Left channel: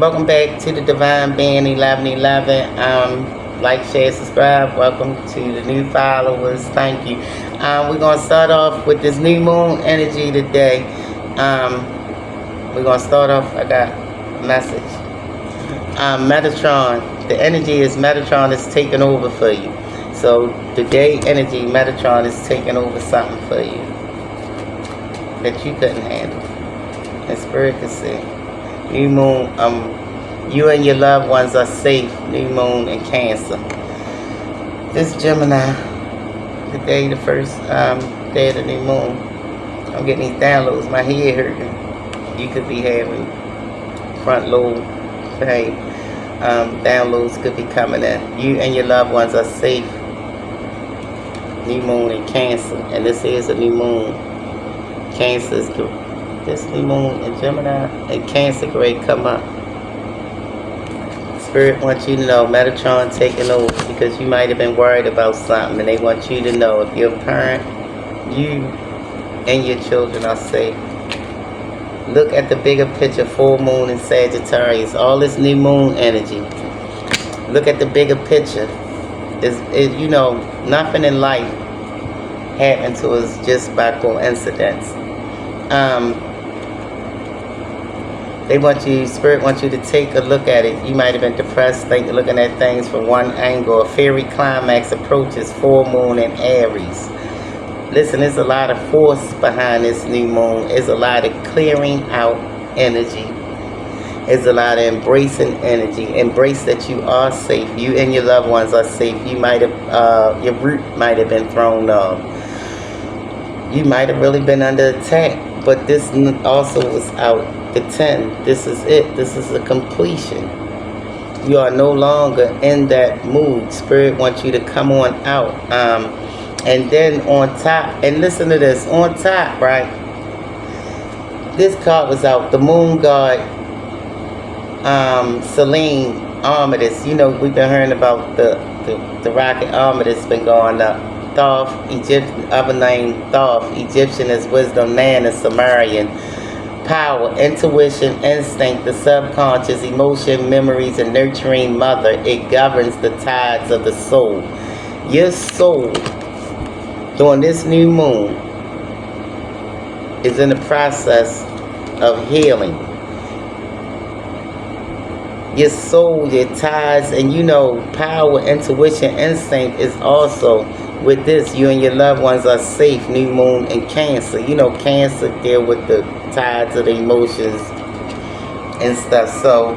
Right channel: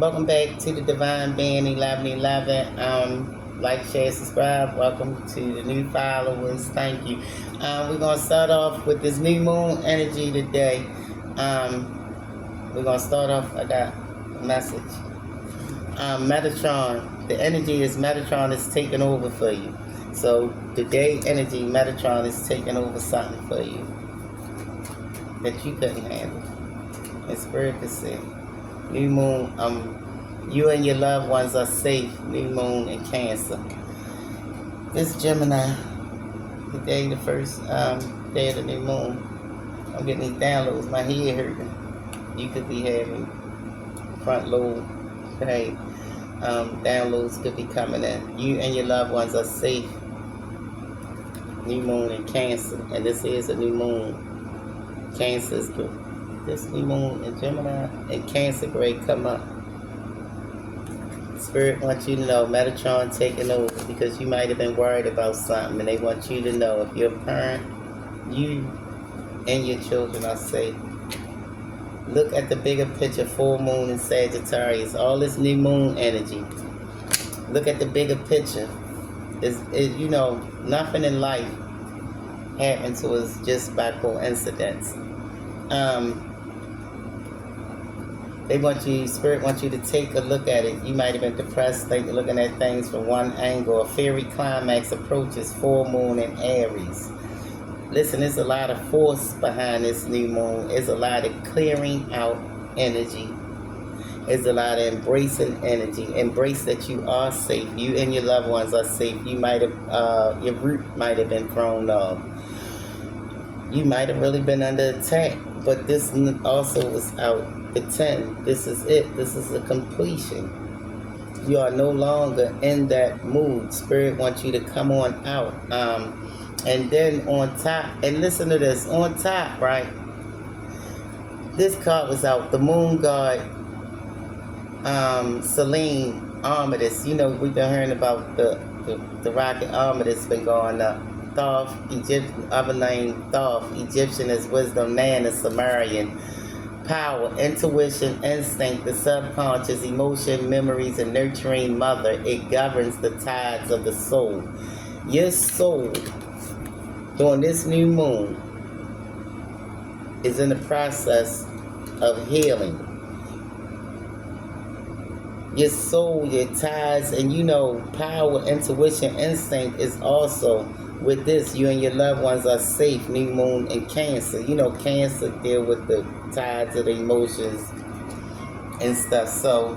Welcome back to the Divine Band 1111. Like, share, subscribe. Welcome to the new followers. Thank you. We're going to start off with this new moon energy today. We're going to start off, I got a message. Megatron. The energy is Megatron is taking over for you. So today energy, Megatron is taking over something for you that you couldn't handle. And Spirit can see. New moon, you and your loved ones are safe. New moon in Cancer. This Gemini, the day, the first day of the new moon. I'm getting these downloads. My head hurting. You could be having front lobe pain. Downloads could be coming in. You and your loved ones are safe. New moon in Cancer, and this is a new moon. Cancer is good. This new moon in Gemini and Cancer grade come up. Spirit wants you to know Megatron taking over because you might have been worried about something, and they want you to know if you're a parent, you and your children are safe. Look at the bigger picture. Full moon in Sagittarius. All this new moon energy. Look at the bigger picture. You know, nothing in life happened to us just by coincidence. They want you, Spirit wants you to take a look at it. You might have been depressed, looking at things from one angle. A fairy climax approaches. Full moon in Aries. Listen, there's a lot of force behind this new moon. There's a lot of clearing out energy. There's a lot of embracing energy. Embrace that you are safe. You and your loved ones are safe. You might have, your root might have been thrown off. You might have really been under attack. But this also was out. The 10. This is it. This is a completion. You are no longer in that mood. Spirit wants you to come on out. And then on top, and listen to this, on top, right? This card was out. The moon god, Selene Armistice. You know, we've been hearing about the rocket Armistice been going up. Thoth, Egyptian, other name Thoth. Egyptian is wisdom, Nan is Sumerian. Power, intuition, instinct, the subconscious, emotion, memories, and nurturing mother. It governs the tides of the soul. Your soul, during this new moon, is in the process of healing. Your soul, your tides, and you know, power, intuition, instinct is also with this. You and your loved ones are safe. New moon in Cancer. You know, Cancer deal with the tides of the emotions and stuff. So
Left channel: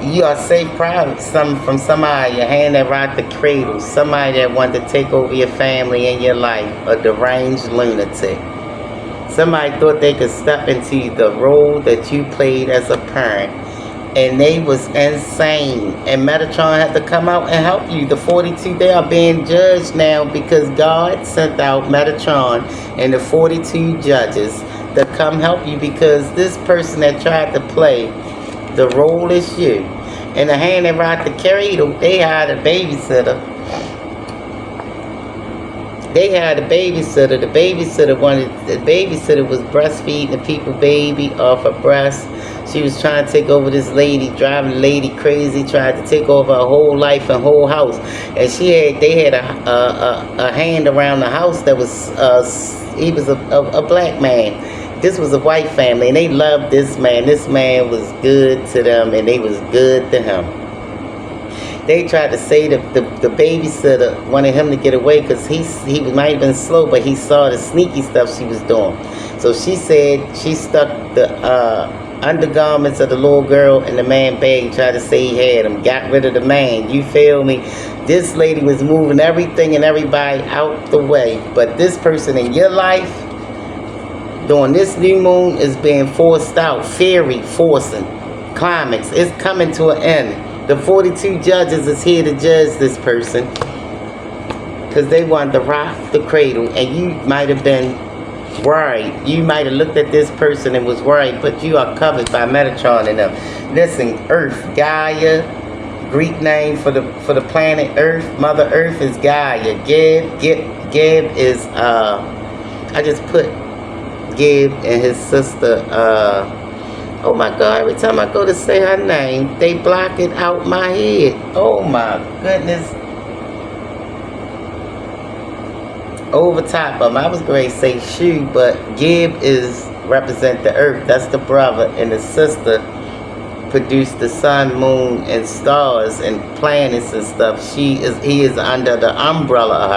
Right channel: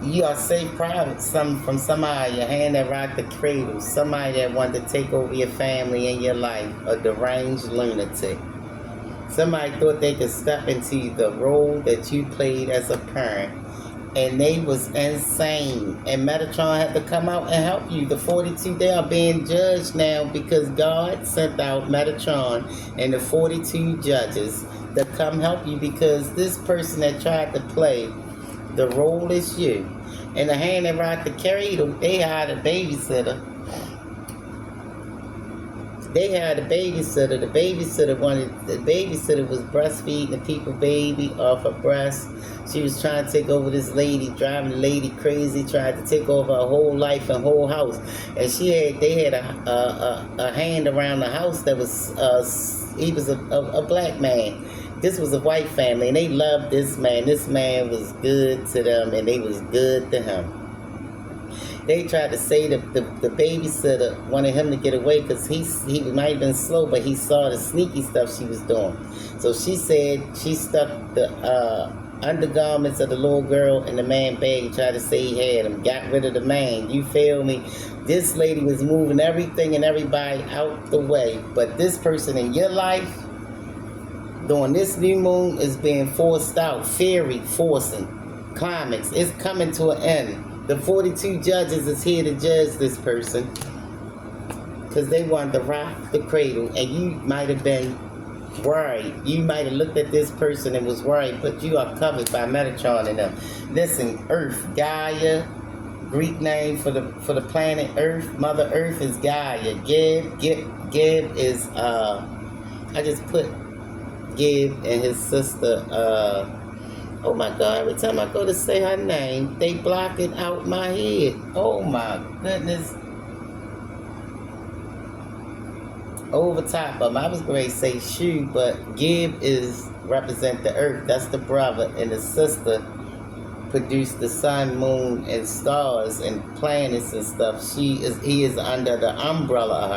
you are safe, proud from somebody, your hand that rocked the cradle, somebody that wanted to take over your family and your life, a deranged lunatic. Somebody thought they could step into the role that you played as a parent, and they was insane. And Megatron had to come out and help you. The 42, they are being judged now because God sent out Megatron and the 42 judges to come help you, because this person that tried to play the role is you. And the hand that rocked the cradle, they hired a babysitter. They had a babysitter. The babysitter was breastfeeding the people baby off her breast. She was trying to take over this lady, driving the lady crazy, tried to take over her whole life and whole house. And they had a hand around the house that was, he was a black man. This was a white family, and they loved this man. This man was good to them, and they was good to him. They tried to say the babysitter wanted him to get away because he might have been slow, but he saw the sneaky stuff she was doing. So she said she stuck the undergarments of the little girl in the man bag, tried to say he had him, got rid of the man. You feel me? This lady was moving everything and everybody out the way. But this person in your life, during this new moon, is being forced out. Fairy forcing. Climax. It's coming to an end. The 42 judges is here to judge this person because they wanted to rock the cradle, and you might have been worried. You might have looked at this person and was worried, but you are covered by Megatron and them. Listen, Earth, Gaia, Greek name for the planet Earth. Mother Earth is Gaia. Geb is I just put Gib and his sister Oh my God, every time I go to say her name, they block it out my head. Oh my goodness. Over top of them. I was going to say Shu, but Gib is represent the earth. That's the brother, and the sister produced the sun, moon, and stars and planets and stuff. He is under the umbrella of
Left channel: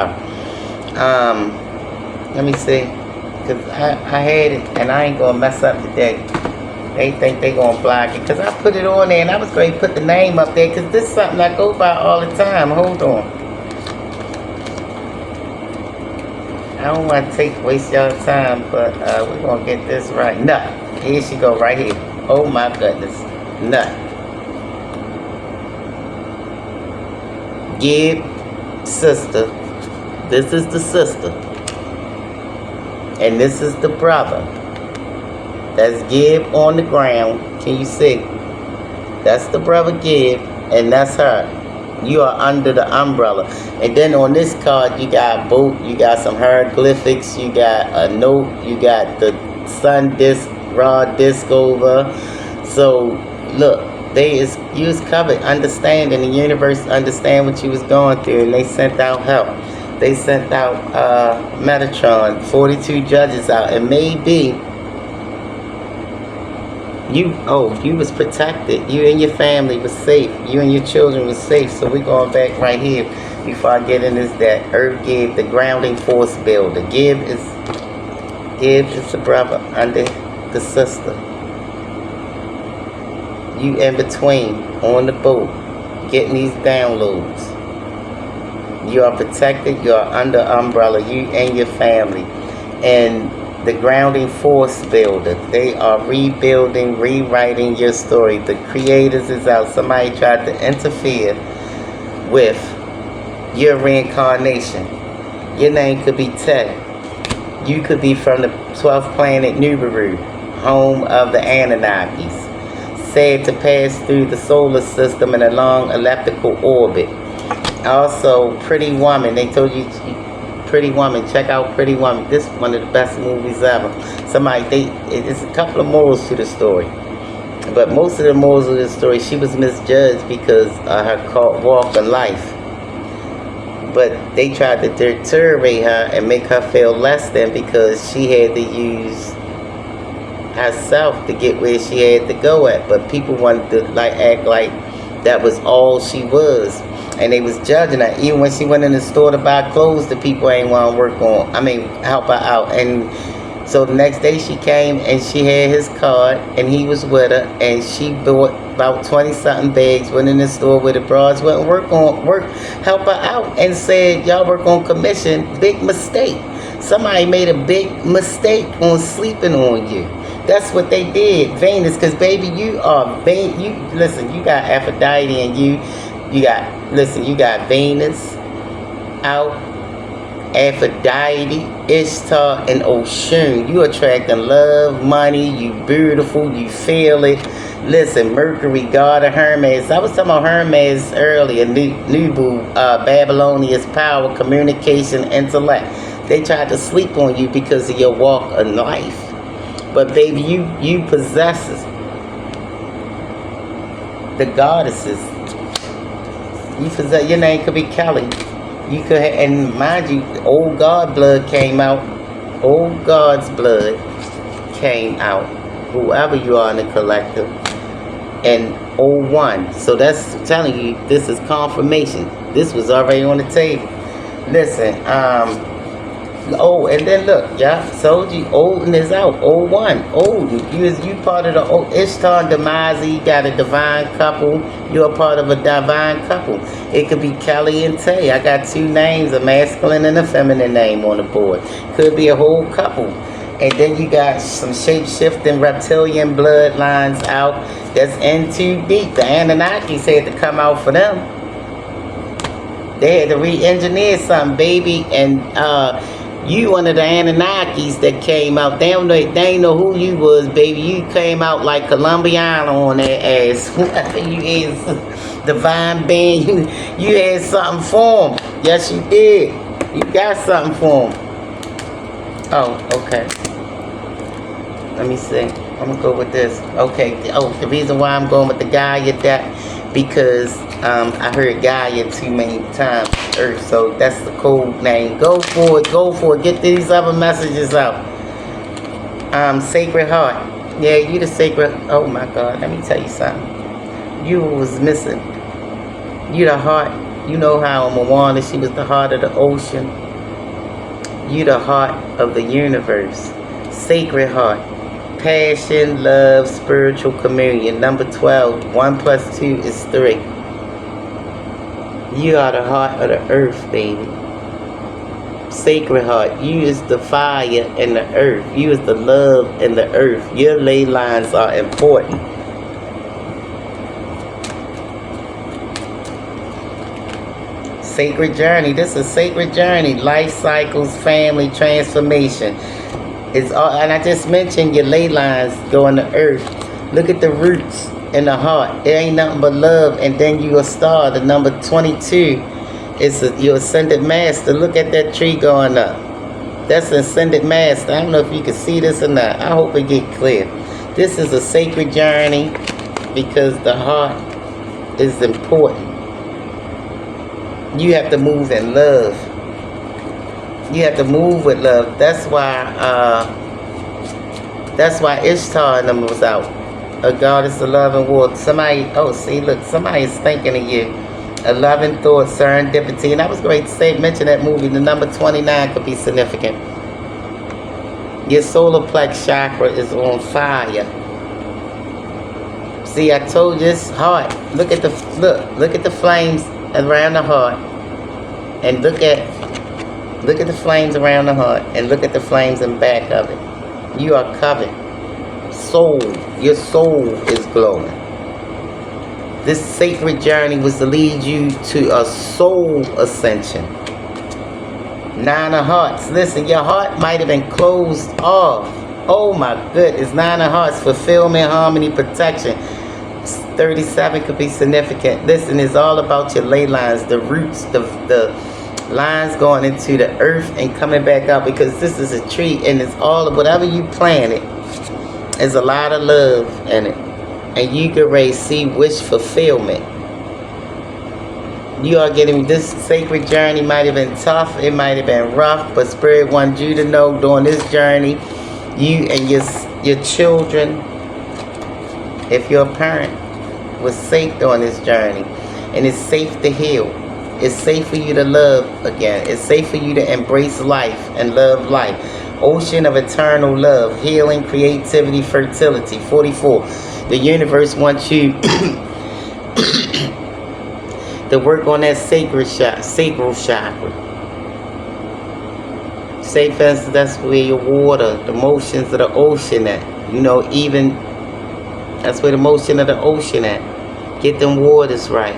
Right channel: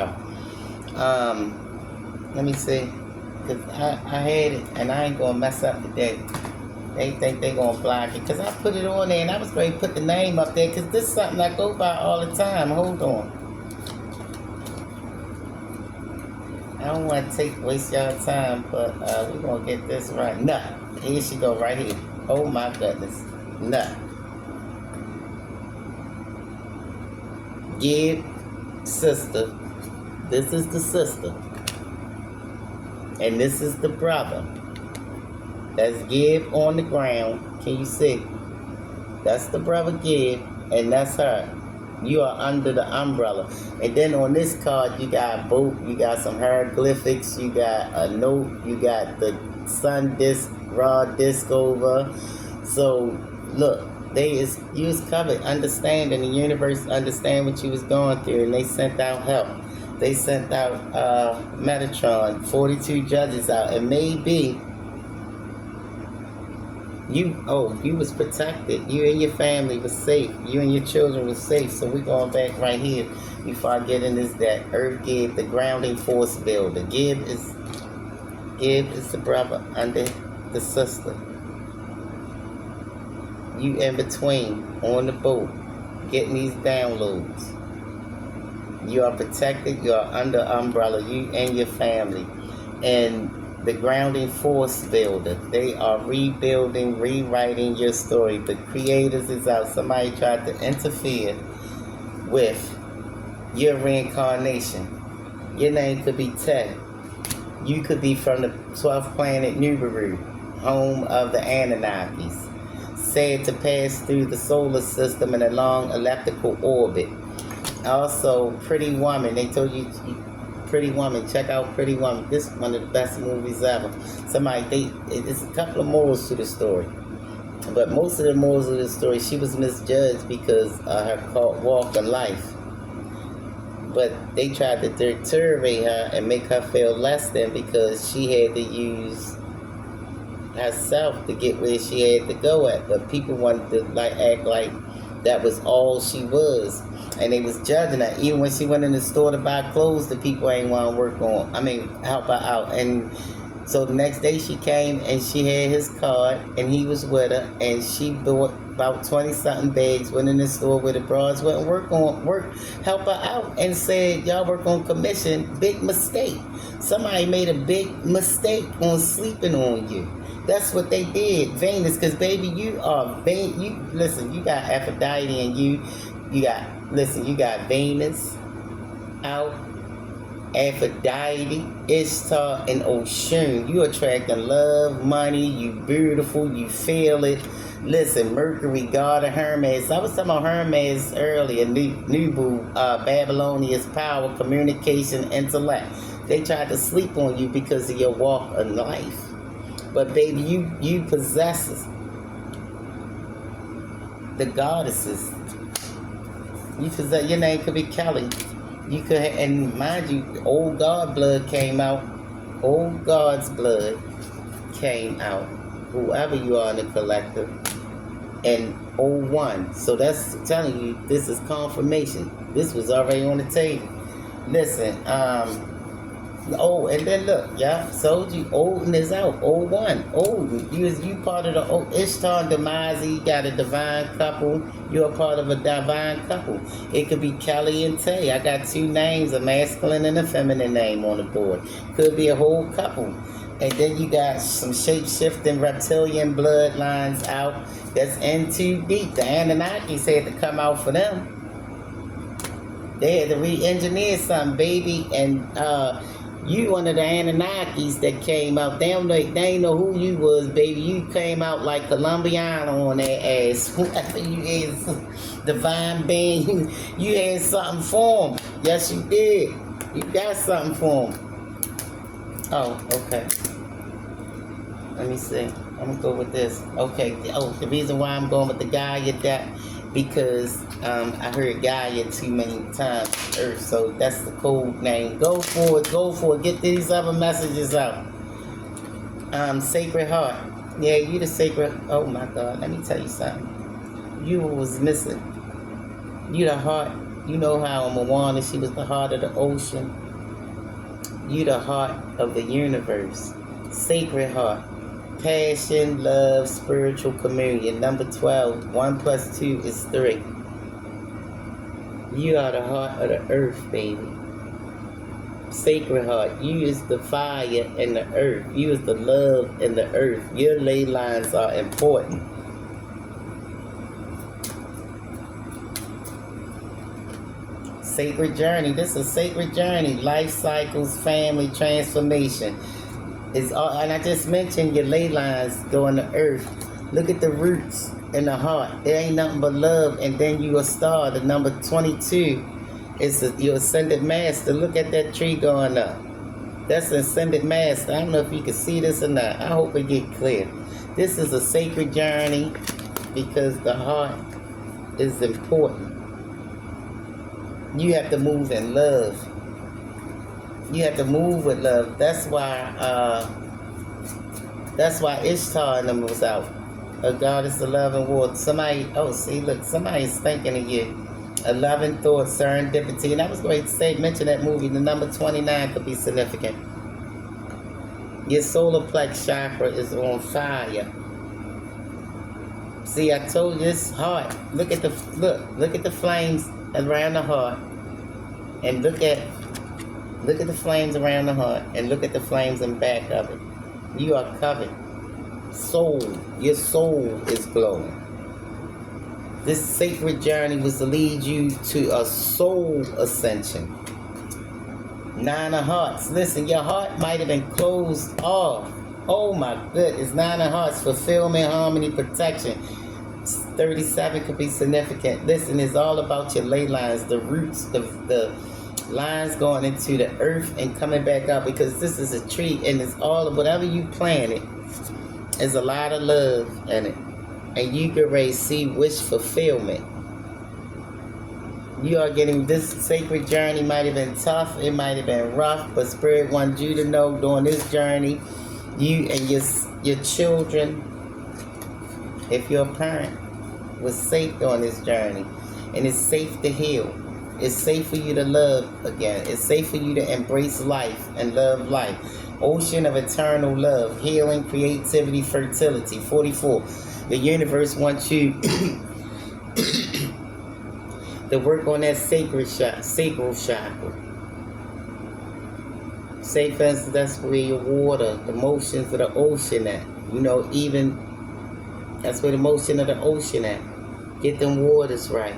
her. Let me see, cause I had it, and I ain't gonna mess up today. They think they gonna block it, cause I put it on there, and I was going to put the name up there, cause this is something I go by all the time. Hold on. I don't want to waste y'all time, but we're gonna get this right. Nut. Here she go, right here. Oh my goodness. Nut. Gib, sister. This is the sister. And this is the brother. That's Gib on the ground. Can you see? That's the brother Gib, and that's her. You are under the umbrella. And then on this card, you got boat, you got some hieroglyphics, you got a note, you got the sun disc, raw disc over. So, look, you was covered, understanding the universe, understand what you was going through, and they sent out help. They sent out Megatron, 42 judges out, and maybe you was protected. You and your family was safe. You and your children was safe. So we're going back right here before I get in this, that Earth Gib, the grounding force builder. Gib is the brother under the sister. You in between on the boat getting these downloads. You are protected. You are under umbrella. You and your family. And the grounding force builder. They are rebuilding, rewriting your story. The creators is out. Somebody tried to interfere with your reincarnation. Your name could be Ted. You could be from the 12th planet Nibiru, home of the Anunnakis. Said to pass through the solar system in a long elliptical orbit. Also, Pretty Woman. They told you Pretty Woman. Check out Pretty Woman. This is one of the best movies ever. It's a couple of morals to the story. But most of the morals of the story, she was misjudged because of her walk in life. But they tried to deteriorate her and make her feel less than because she had to use herself to get where she had to go at. But people wanted to act like that was all she was. And they was judging her. Even when she went in the store to buy clothes, the people ain't want to help her out. And so the next day she came and she had his card and he was with her and she bought about 20-something bags, went in the store with the bras, went and help her out and said, y'all work on commission. Big mistake. Somebody made a big mistake on sleeping on you. That's what they did. Venus, because baby, you are listen, you got Aphrodite and you got Venus out, Aphrodite, Ishtar, and Oshun. You attracting love, money, you beautiful, you feel it. Listen, Mercury, god of Hermes. I was talking about Hermes earlier, Nubu, Babylonia's power, communication, intellect. They tried to sleep on you because of your walk of life. But baby, you possesses the goddesses. You possess, your name could be Kelly. You could have, and mind you, old God blood came out. Old God's blood came out. Whoever you are in the collective. And old one. So that's telling you this is confirmation. This was already on the table. Listen, and then look, yeah, told you, Odin is out. Old one, Odin. You part of the old Ishtar and Damazi. You got a divine couple. You're a part of a divine couple. It could be Kelly and Tay. I got two names, a masculine and a feminine name on the board. Could be a whole couple. And then you got some shape-shifting reptilian bloodlines out. That's in too deep. The Anunnakis had to come out for them. They had to re-engineer something, baby. And you one of the Anunnakis that came out. They ain't know who you was, baby. You came out like Colombiana on that ass. Whoever you is, divine being. You had something for them. Yes, you did. You got something for them. Oh, okay. Let me see. I'm gonna go with this. Okay. Oh, the reason why I'm going with the Gaia deck because I heard Gaia too many times. Earth, so that's the code name. Go for it. Go for it. Get these other messages out. Sacred Heart. Yeah, you the sacred. Oh my God. Let me tell you something. You was missing. You the heart. You know how Moana, she was the heart of the ocean. You the heart of the universe. Sacred Heart. Passion, love, spiritual communion. Number 12. 1 plus 2 is 3. You are the heart of the earth, baby. Sacred Heart. You is the fire and the earth. You is the love and the earth. Your ley lines are important. Sacred journey. This is sacred journey. Life cycles, family, transformation. It's all, and I just mentioned your ley lines going to earth. Look at the roots in the heart. It ain't nothing but love. And then you a star. The number 22 is your ascended master. Look at that tree going up. That's an ascended master. I don't know if you can see this or not. I hope it get clear. This is a sacred journey because the heart is important. You have to move in love. You have to move with love. That's why Ishtar and them was out. A goddess of love and war. Somebody, oh, see, look, somebody is thinking of you. A loving thought, serendipity. And I was going to say, mention that movie. The number 29 could be significant. Your solar plex chakra is on fire. See, I told you it's heart. Look at the flames around the heart. And look at the flames around the heart. And look at the flames in back of it. You are covered. Soul. Your soul is glowing. This sacred journey was to lead you to a soul ascension. 9 of Hearts. Listen, your heart might have been closed off. Oh my goodness. 9 of Hearts. Fulfillment, harmony, protection. 37 could be significant. Listen, it's all about your ley lines, the roots, the lines going into the earth and coming back out, because this is a tree and it's all of whatever you planted. There's a lot of love in it. And you can raise, see wish fulfillment. You are getting this sacred journey. Might have been tough, it might have been rough, but Spirit wants you to know during this journey, you and your children, if you're a parent, was safe during this journey. And it's safe to heal. It's safe for you to love again. It's safe for you to embrace life and love life. Ocean of eternal love, healing, creativity, fertility. 44. The universe wants you to work on that sacral chakra. Say, for instance, that's where your water, the motions of the ocean at. You know, even that's where the motion of the ocean at. Get them waters right.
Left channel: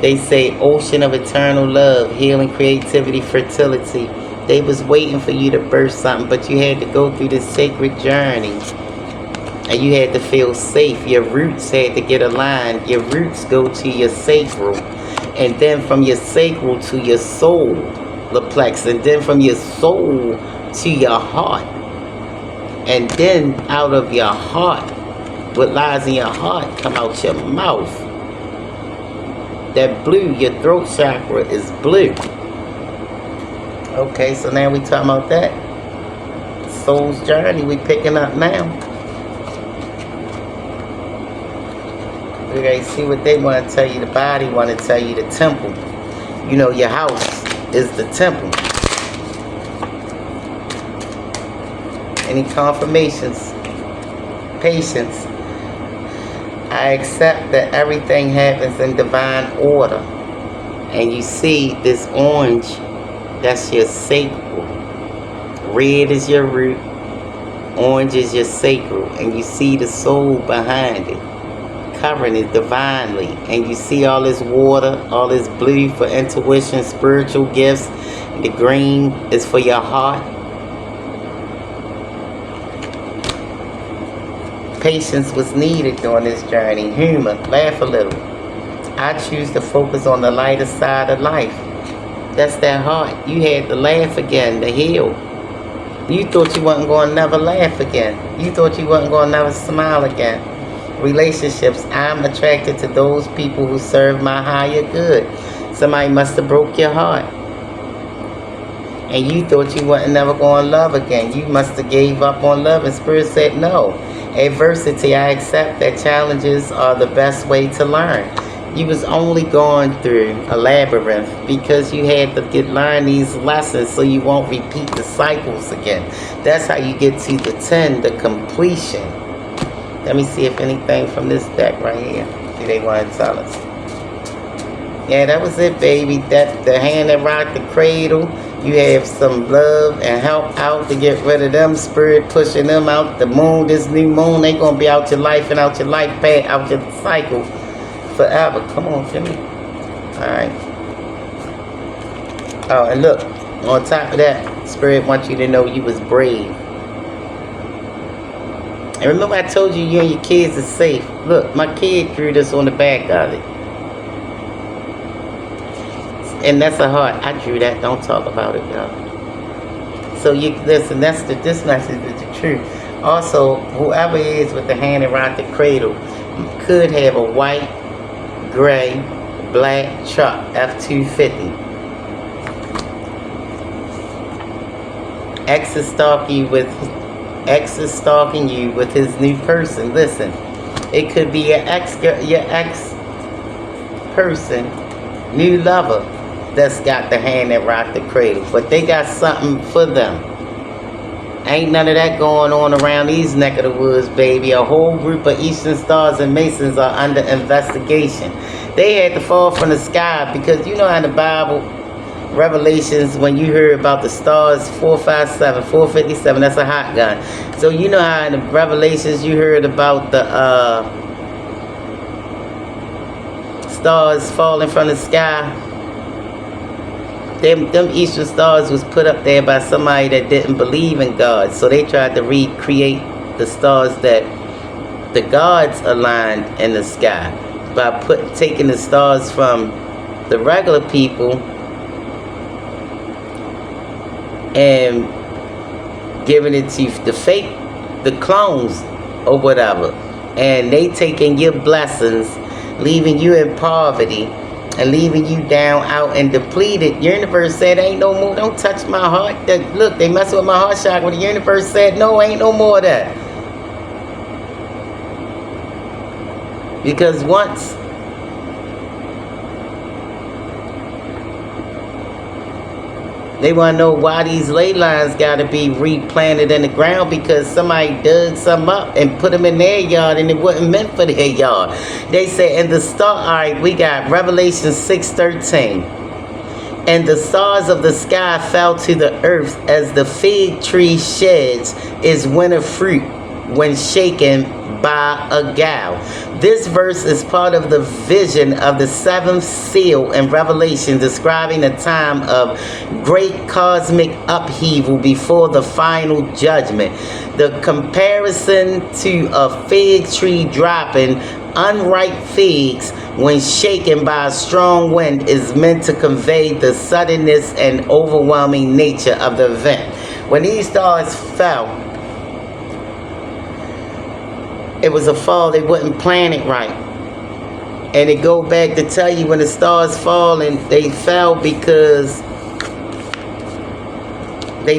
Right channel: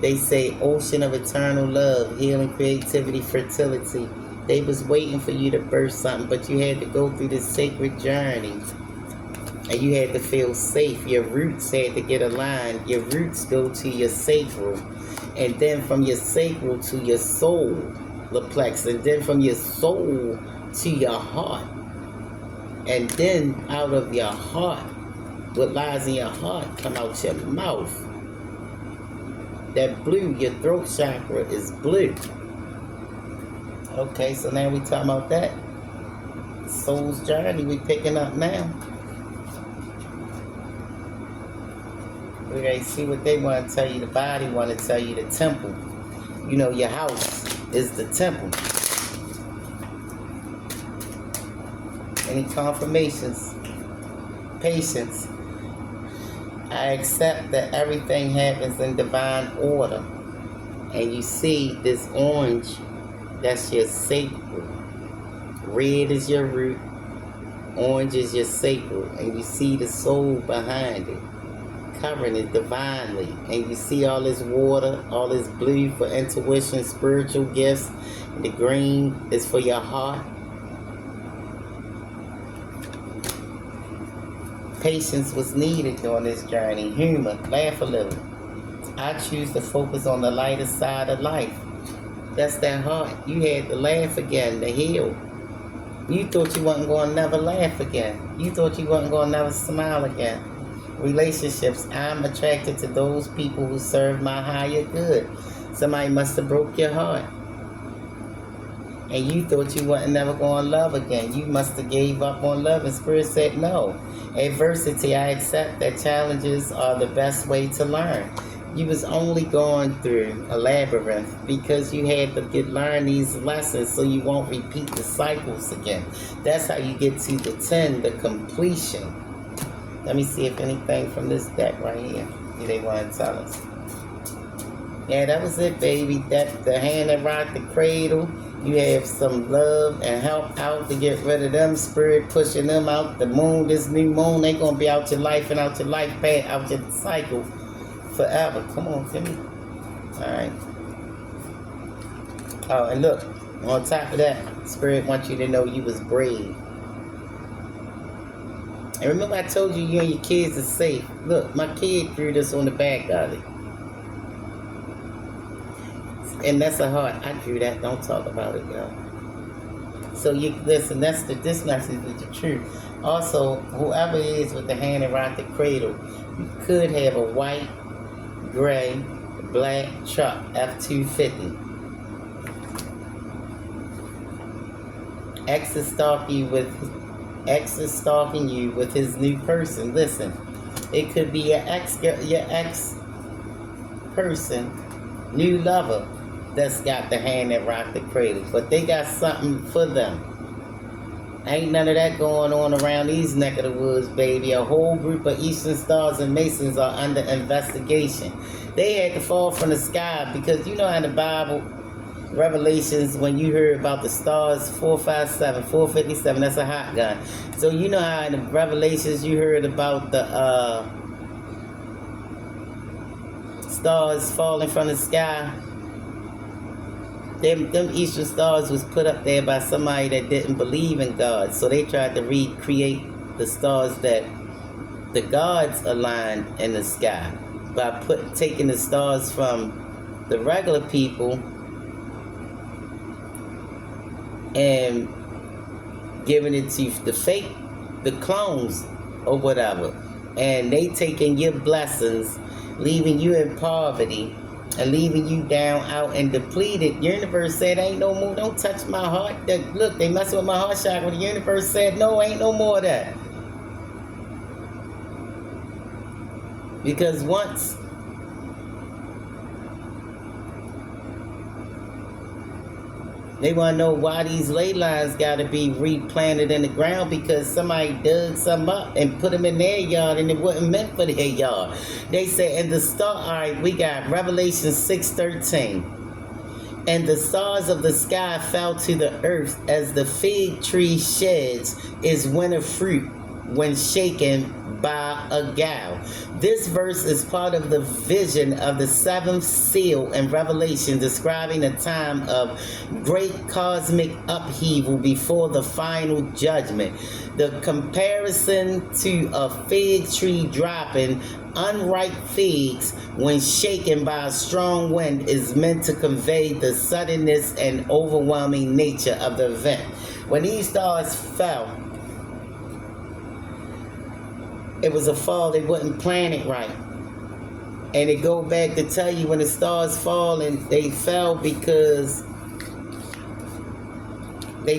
They say ocean of eternal love, healing, creativity, fertility. They was waiting for you to birth something, but you had to go through this sacred journey. And you had to feel safe. Your roots had to get aligned. Your roots go to your sacral. And then from your sacral to your soul, plex. And then from your soul to your heart. And then out of your heart, what lies in your heart, come out your mouth. That blue, your throat chakra is blue. Okay, so now we talking about that. Soul's journey we picking up now. We gotta see what they want to tell you. The body want to tell you the temple. You know, your house is the temple. Any confirmations? Patience. I accept that everything happens in divine order. And you see this orange, that's your sacral. Red is your root. Orange is your sacral. And you see the soul behind it, covering it divinely. And you see all this water, all this blue for intuition, spiritual gifts. And the green is for your heart. Patience was needed during this journey. Humor, laugh a little. I choose to focus on the lighter side of life. That's that heart. You had to laugh again, to heal. You thought you wasn't going to never laugh again. You thought you wasn't going to never smile again. Relationships, I'm attracted to those people who serve my higher good. Somebody must have broke your heart. And you thought you wasn't never going to love again. You must have gave up on love, and Spirit said no. Adversity, I accept that challenges are the best way to learn. You was only going through a labyrinth because you had to learn these lessons so you won't repeat the cycles again. That's how you get to the 10, the completion. Let me see if anything from this deck right here do they want to tell us. Yeah, that was it, baby. That the hand that rocked the cradle. You have some love and help out to get rid of them. Spirit pushing them out. The moon, this new moon, they gonna be out your life and out your life path, out your cycle forever. Come on, Jimmy. Alright. Oh, and look, on top of that, Spirit wants you to know you was brave. And remember I told you you and your kids are safe. Look, my kid drew this on the back of it. And that's a heart. I drew that. Don't talk about it, y'all. So you listen, this message is the truth. Also, whoever is with the hand and rock the cradle could have a white, gray, black truck, F-250. Ex is stalking you with his new person. Listen, it could be your ex person, new lover, that's got the hand that rocked the cradle, but they got something for them. Ain't none of that going on around these neck of the woods, baby. A whole group of Eastern Stars and Masons are under investigation. They had to fall from the sky because you know how in the Bible, Revelations, when you hear about the stars 457, 457, that's a hot gun. So you know how in the Revelations you heard about the stars falling from the sky. Them Eastern Stars was put up there by somebody that didn't believe in God. So they tried to recreate the stars that the gods aligned in the sky by taking the stars from the regular people and giving it to the clones or whatever. And they taking your blessings, leaving you in poverty, and leaving you down, out, and depleted. Universe said, ain't no more. Don't touch my heart. Look, they messing with my heart chakra. The universe said, no, ain't no more of that. Because once they want to know why these ley lines got to be replanted in the ground, because somebody dug some up and put them in their yard and it wasn't meant for their yard. They say, and the star, all right, we got Revelation 6:13. And the stars of the sky fell to the earth as the fig tree sheds its winter fruit when shaken by a gale. This verse is part of the vision of the seventh seal in Revelation, describing a time of great cosmic upheaval before the final judgment. The comparison to a fig tree dropping unripe figs when shaken by a strong wind is meant to convey the suddenness and overwhelming nature of the event. When these stars fell, it was a fall. They wouldn't plan it right. And it go back to tell you when the stars fall, and they fell because they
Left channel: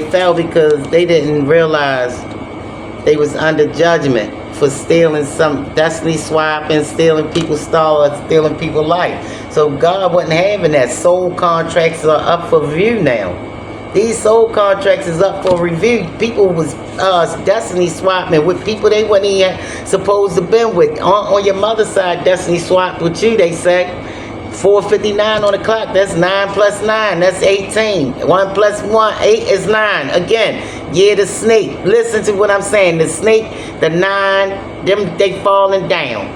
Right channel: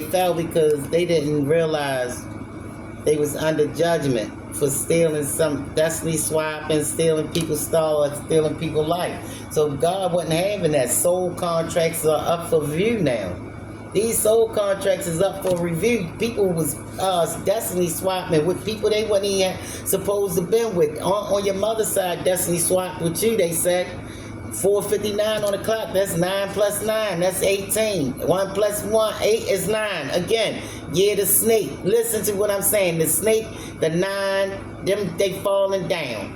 didn't realize they was under judgment for stealing some destiny swapping, stealing people's stars, stealing people's life. So God wasn't having that. Soul contracts are up for review now. These soul contracts is up for review. People was destiny swapping with people they wasn't even supposed to been with. On your mother's side, destiny swapped with you, they say. 4:59 on the clock, that's 9 plus 9, that's 18. 1 plus 1, 8 is 9. Again, yeah, the snake. Listen to what I'm saying. The snake, the 9, them, they falling down.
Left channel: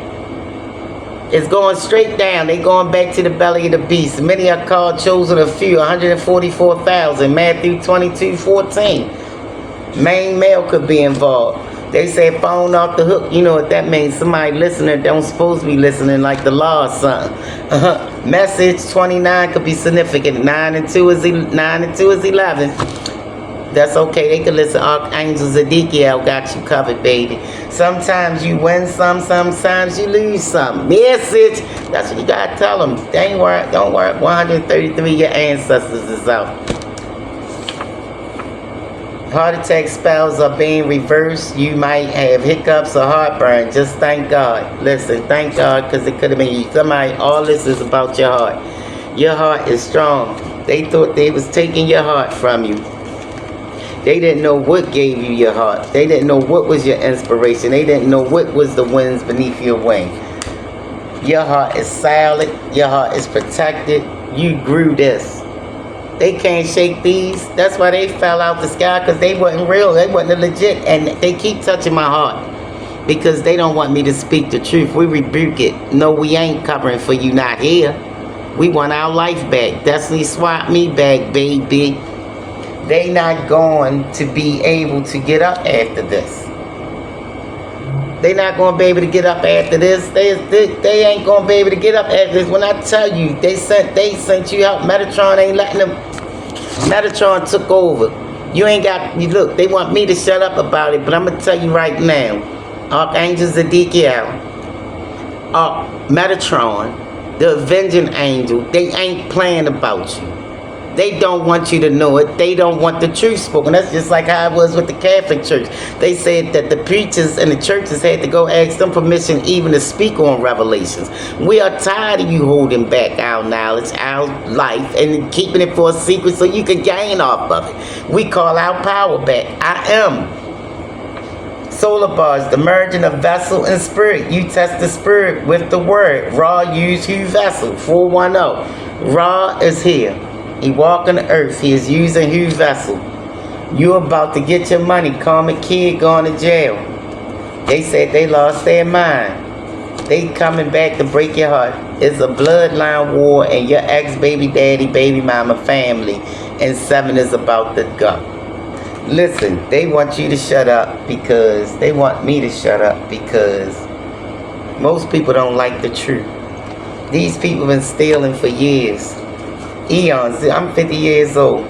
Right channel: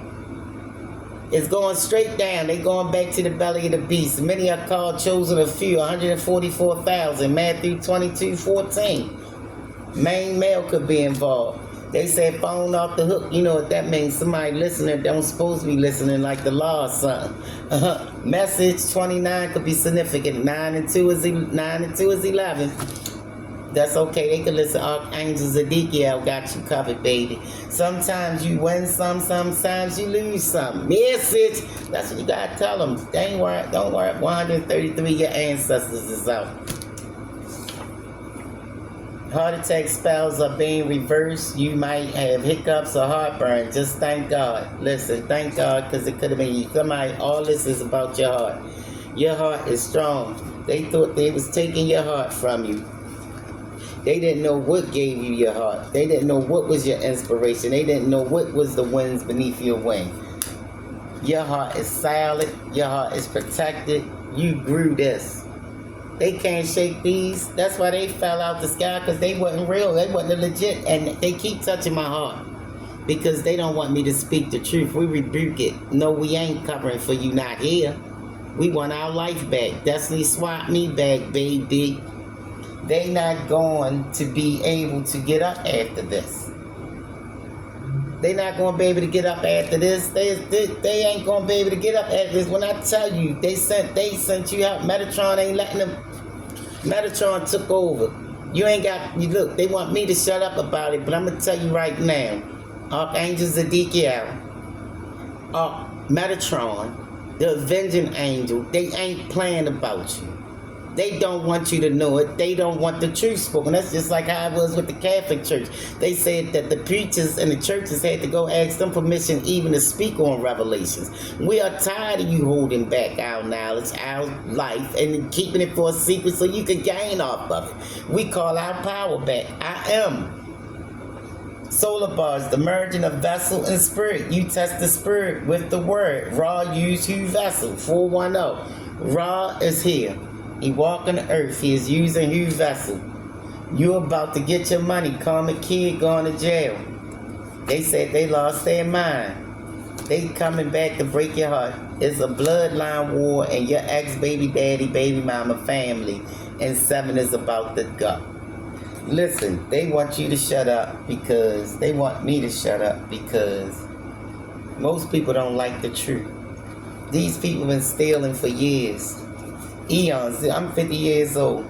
It's going straight down. They going back to the belly of the beast. Many are called, chosen a few, 144,000. Matthew 22:14. Main male could be involved. They say phone off the hook. You know what that means? Somebody listening don't supposed to be listening, like the law or something. Message 29 could be significant. 9 and 2 is 11. That's okay. They can listen. Archangel Ezekiel got you covered, baby. Sometimes you win some, sometimes you lose some. Message. That's what you gotta tell them. They ain't worried. Don't worry. 133 your ancestors is out. Heart attack spells are being reversed. You might have hiccups or heartburn. Just thank God. Listen, thank God, because it could have been you. Somebody, all this is about your heart. Your heart is strong. They thought they was taking your heart from you. They didn't know what gave you your heart. They didn't know what was your inspiration. They didn't know what was the winds beneath your wing. Your heart is solid. Your heart is protected. You grew this. They can't shake these. That's why they fell out the sky, because they wasn't real. They wasn't legit. And they keep touching my heart because they don't want me to speak the truth. We rebuke it. No, we ain't covering for you not here. We want our life back. Destiny swap me back, baby. They not going to be able to get up after this. They not going to be able to get up after this. They ain't going to be able to get up after this. When I tell you, they sent you out. Megatron ain't letting them. Megatron took over. You ain't got, you look, they want me to shut up about it, but I'm going to tell you right now. Archangel Ezekiel, Megatron, the avenging angel, they ain't playing about you. They don't want you to know it. They don't want the truth spoken. That's just like how it was with the Catholic Church. They said that the preachers and the churches had to go ask them permission even to speak on revelations. We are tired of you holding back our knowledge, our life, and keeping it for a secret so you can gain off of it. We call our power back. I am. Solar bars, the merging of vessel and spirit. You test the spirit with the word. Ra use Hugh vessel, 410. Ra is here. He walking the earth. He is using Hugh vessel. You about to get your money. Karmic kid going to jail. They said they lost their mind. They coming back to break your heart. It's a bloodline war, and your ex-baby daddy, baby mama, family, and 7 is about to go. Listen, they want you to shut up because they want me to shut up because most people don't like the truth. These people been stealing for years. Eons. I'm 50 years old.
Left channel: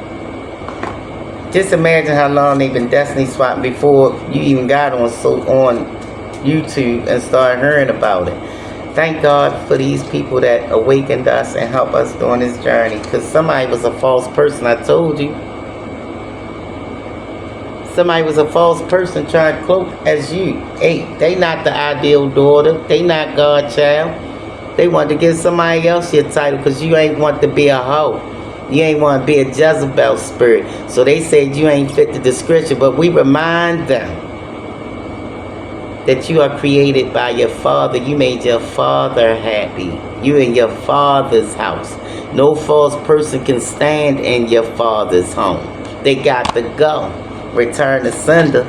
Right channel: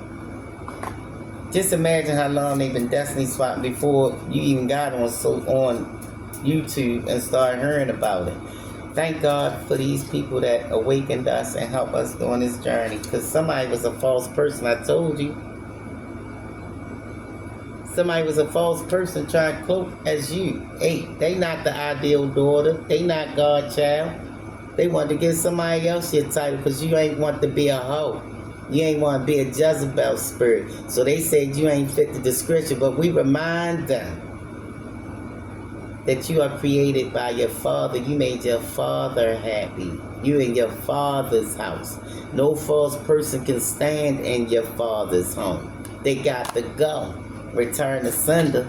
Just imagine how long they've been destiny swapping before you even got on YouTube and started hearing about it. Thank God for these people that awakened us and helped us during this journey, because somebody was a false person. I told you. Somebody was a false person trying to cloak as you. Hey, they not the ideal daughter. They not God's child. They want to give somebody else your title because you ain't want to be a hoe. You ain't want to be a Jezebel spirit. So they said you ain't fit the description, but we remind them that you are created by your father. You made your father happy. You in your father's house. No false person can stand in your father's home. They got to go. Return to sender.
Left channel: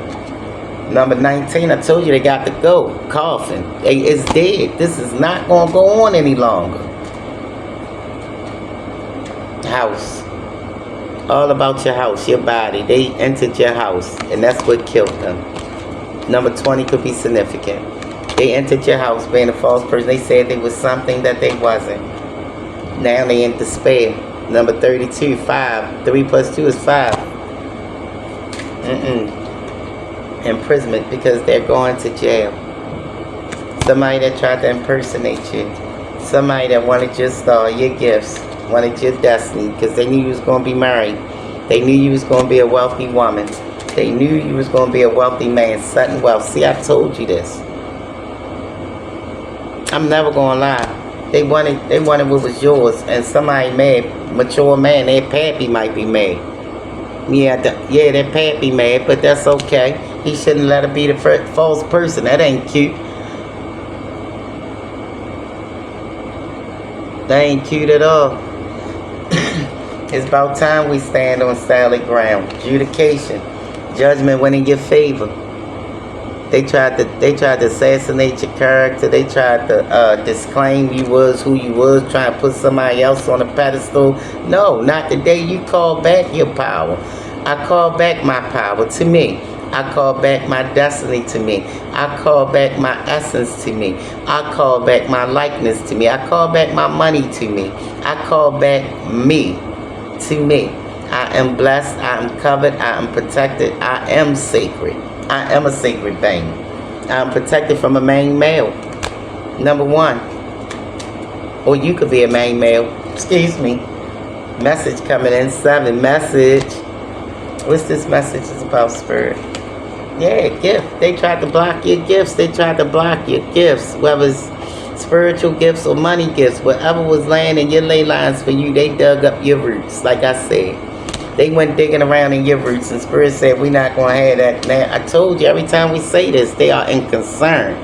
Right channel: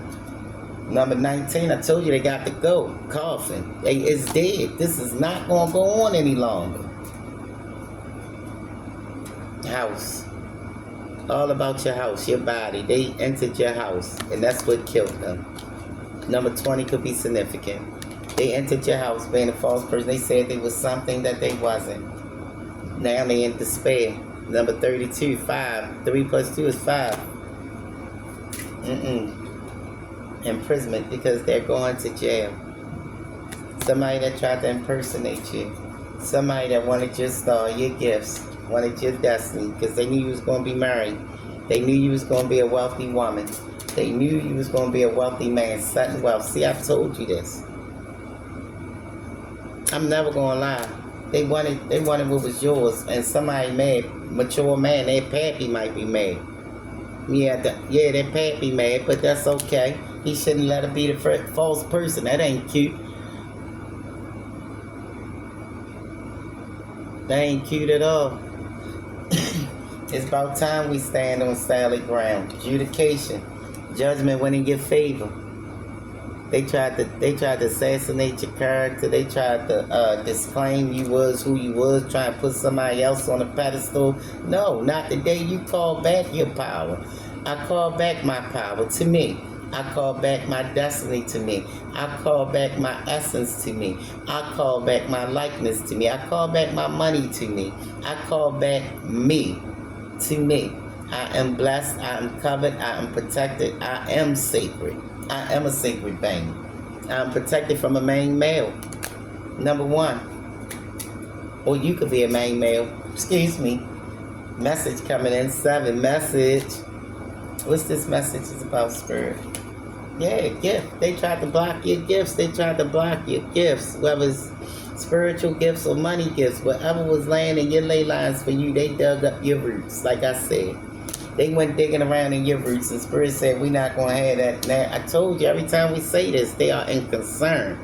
Number 19, I told you they got to go. Coffin. It's dead. This is not going to go on any longer. House. All about your house, your body. They entered your house, and that's what killed them. Number 20 could be significant. They entered your house being a false person. They said they was something that they wasn't. Now they in despair. Number 32, 5. 3 plus 2 is 5. Imprisonment because they're going to jail. Somebody that tried to impersonate you. Somebody that wanted your star, your gifts, wanted your destiny because they knew you was going to be married. They knew you was going to be a wealthy woman. They knew you was going to be a wealthy man, sudden wealth. See, I told you this. I'm never going to lie. They wanted what was yours, and somebody mad, mature man, their pappy might be mad. Yeah, their pappy mad, but that's okay. He shouldn't let her be the false person. That ain't cute. That ain't cute at all. It's about time we stand on solid ground. Adjudication. Judgment went in your favor. They tried to assassinate your character. They tried to disclaim you was who you was, trying to put somebody else on a pedestal. No, not the day you call back your power. I call back my power to me. I call back my destiny to me. I call back my essence to me. I call back my likeness to me. I call back my money to me. I call back me to me. I am blessed. I am covered. I am protected. I am sacred. I am a sacred being. I am protected from a main male. Number one. Or you could be a main male. Excuse me. Message coming in. 7. Message. What's this message is about, Spirit? Yeah, gift. They tried to block your gifts. They tried to block your gifts. Whether it's spiritual gifts or money gifts, whatever was laying in your ley lines for you, they dug up your roots. Like I said, they went digging around in your roots, and Spirit said, we're not going to have that. Now, I told you, every time we say this, they are in concern.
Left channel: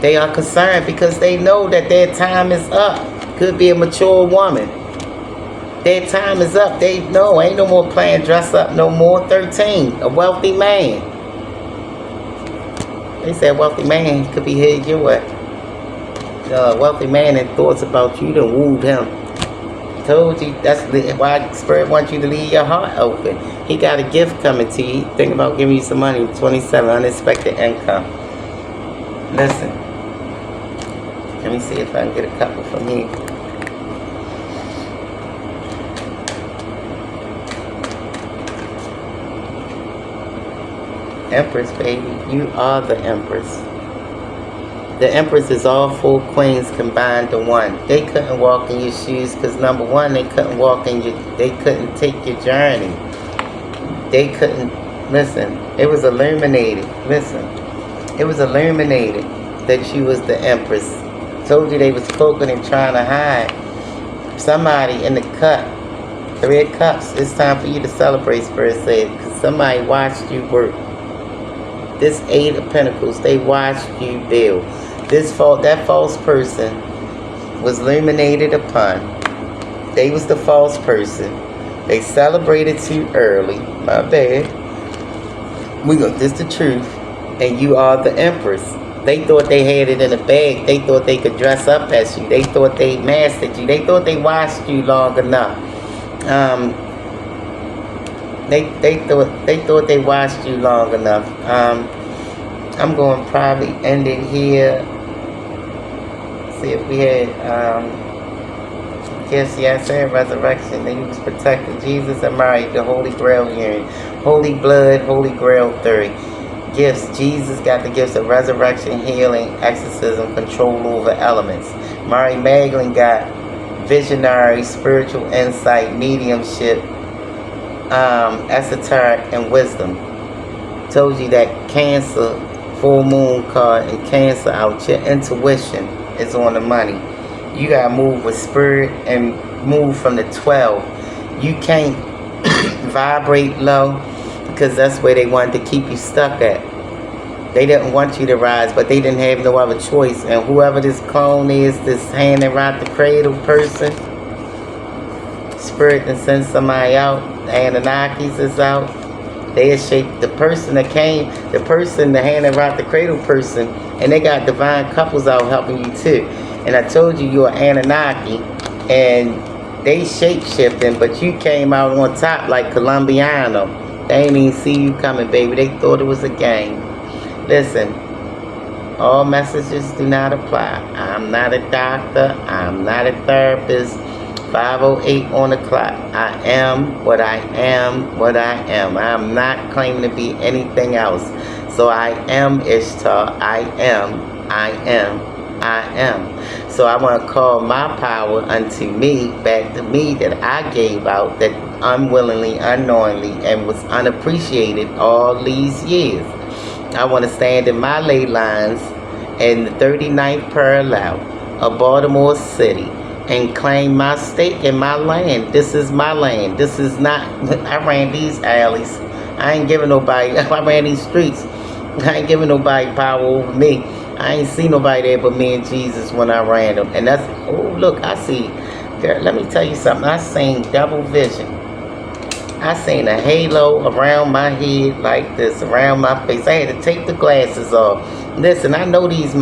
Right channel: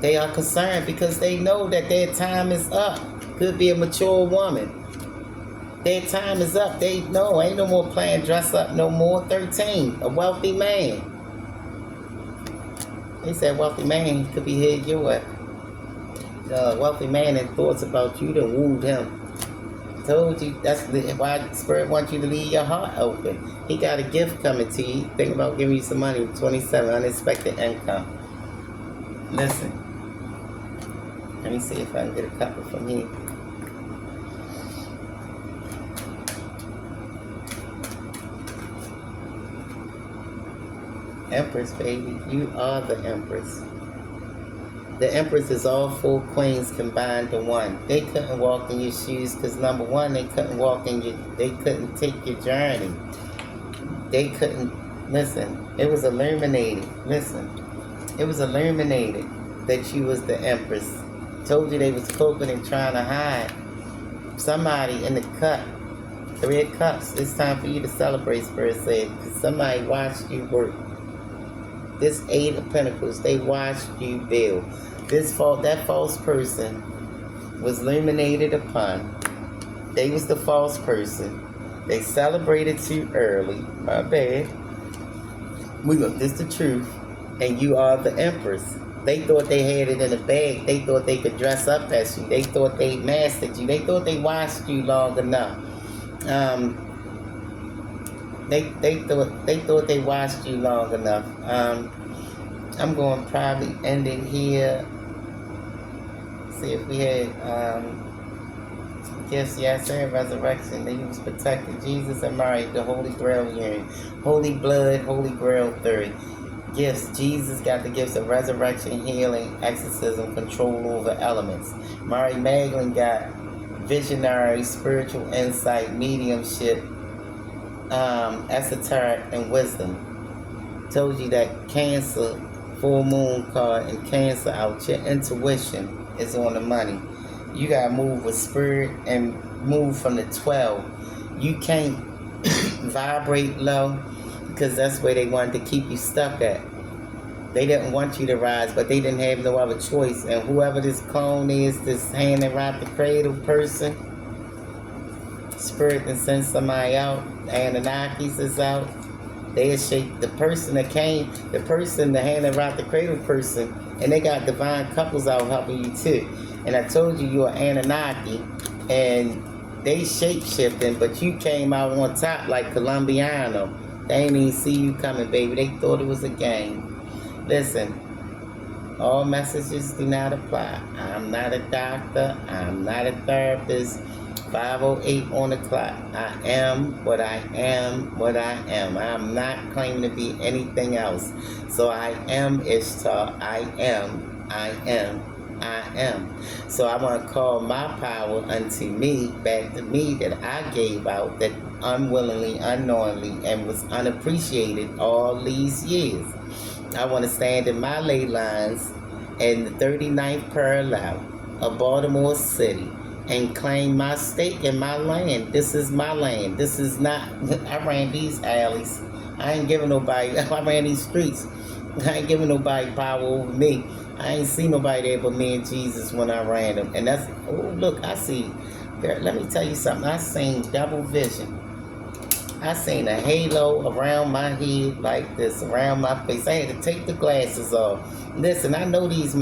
They are concerned because they know that their time is up. Could be a mature woman. Their time is up. They know, ain't no more playing dress up no more. 13, a wealthy man. They said wealthy man could be headed your way. Wealthy man and thoughts about you done wooed him. Told you, that's why Spirit wants you to leave your heart open. He got a gift coming to you. Think about giving you some money. 27, unexpected income. Listen. Let me see if I can get a couple from here. Empress, baby. You are the Empress. The Empress is all 4 queens combined to one. They couldn't walk in your shoes because, number one, they couldn't walk in your, they couldn't take your journey. They couldn't, listen, it was illuminated. Listen, it was illuminated that you was the Empress. Told you they was cloaking and trying to hide. Somebody in the cut, 3 of Cups, it's time for you to celebrate, Spirit said, because somebody watched you work. This 8 of Pentacles, they watched you build. That false person was illuminated upon. They was the false person. They celebrated too early. My bad. This the truth. And you are the Empress. They thought they had it in a bag. They thought they could dress up as you. They thought they mastered you. They thought they watched you long enough. They thought they watched you long enough. I'm going to probably end it here. See if we had gifts. Yeah, I said resurrection. They was protected. Jesus and Mary, the Holy Grail union. Holy blood, Holy Grail theory. Gifts. Jesus got the gifts of resurrection, healing, exorcism, control over elements. Mary Magdalene got visionary, spiritual insight, mediumship, esoteric, and wisdom. Told you that Cancer, full moon card, and Cancer out. Your intuition is on the money. You gotta move with Spirit and move from the 12. You can't vibrate low because that's where they wanted to keep you stuck at. They didn't want you to rise, but they didn't have no other choice. And whoever this clone is, this hand around the cradle person, Spirit and send somebody out. The Anunnakis is out. They shaped the person that came, the person, the hand around the cradle person, and they got divine couples out helping you too. And I told you you're Anunnaki, and they shape-shifting, but you came out on top like Colombiano. They ain't even see you coming, baby. They thought it was a game. Listen, all messages do not apply. I'm not a doctor. I'm not a therapist. 5:08 on the clock. I am what I am, what I am. I'm not claiming to be anything else. So I am Ishtar. I am, I am, I am. So I want to call my power unto me, back to me, that I gave out, that unwillingly, unknowingly, and was unappreciated all these years. I want to stand in my ley lines in the 39th parallel of Baltimore City and claim my stake in my land. This is my land. This is not, I ran these alleys. I ain't giving nobody, I ran these streets. I ain't giving nobody power over me. I ain't see nobody there but me and Jesus when I ran them. And that's, oh look, I see, girl, let me tell you something. I seen double vision. I seen a halo around my head like this, around my face. I had to take the glasses off. Listen, I know this is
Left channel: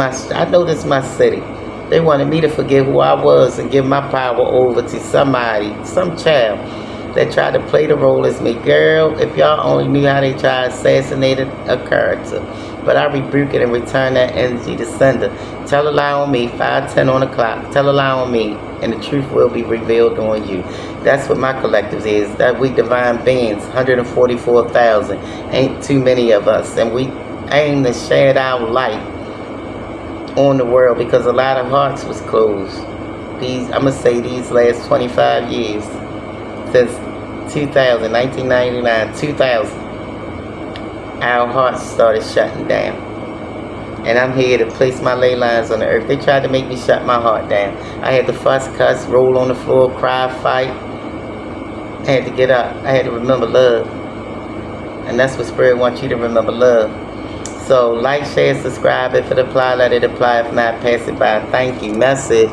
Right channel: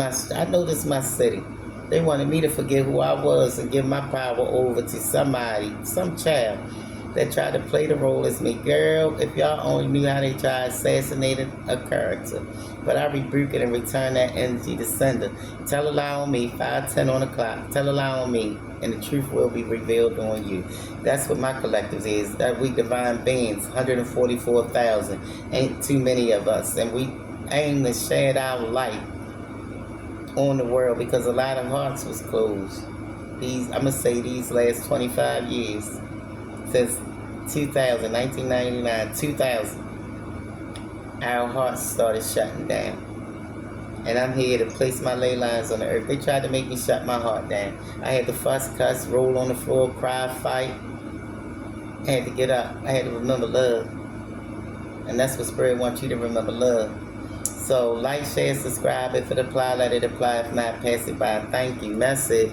my city. They wanted me to forget who I was and give my power over to somebody, some child. that try to play the role as me. Girl, if y'all only knew how they try to assassinate a character. But I rebuke it and return that energy to sender. Tell a lie on me, 5:10 on the clock. Tell a lie on me, and the truth will be revealed on you. That's what my collectives is. That we divine beings, 144,000. Ain't too many of us. And we aim to shed our light on the world because a lot of hearts was closed. I'm going to say these last 25 years. Since 2000, 1999, 2000. Our hearts started shutting down. And I'm here to place my ley lines on the earth. They tried to make me shut my heart down. I had to fuss, cuss, roll on the floor, cry, fight. I had to get up. I had to remember love. And that's what Spirit wants you to remember, love. So like, share, subscribe. If it apply, let it apply. If not, pass it by. Thank you. Message.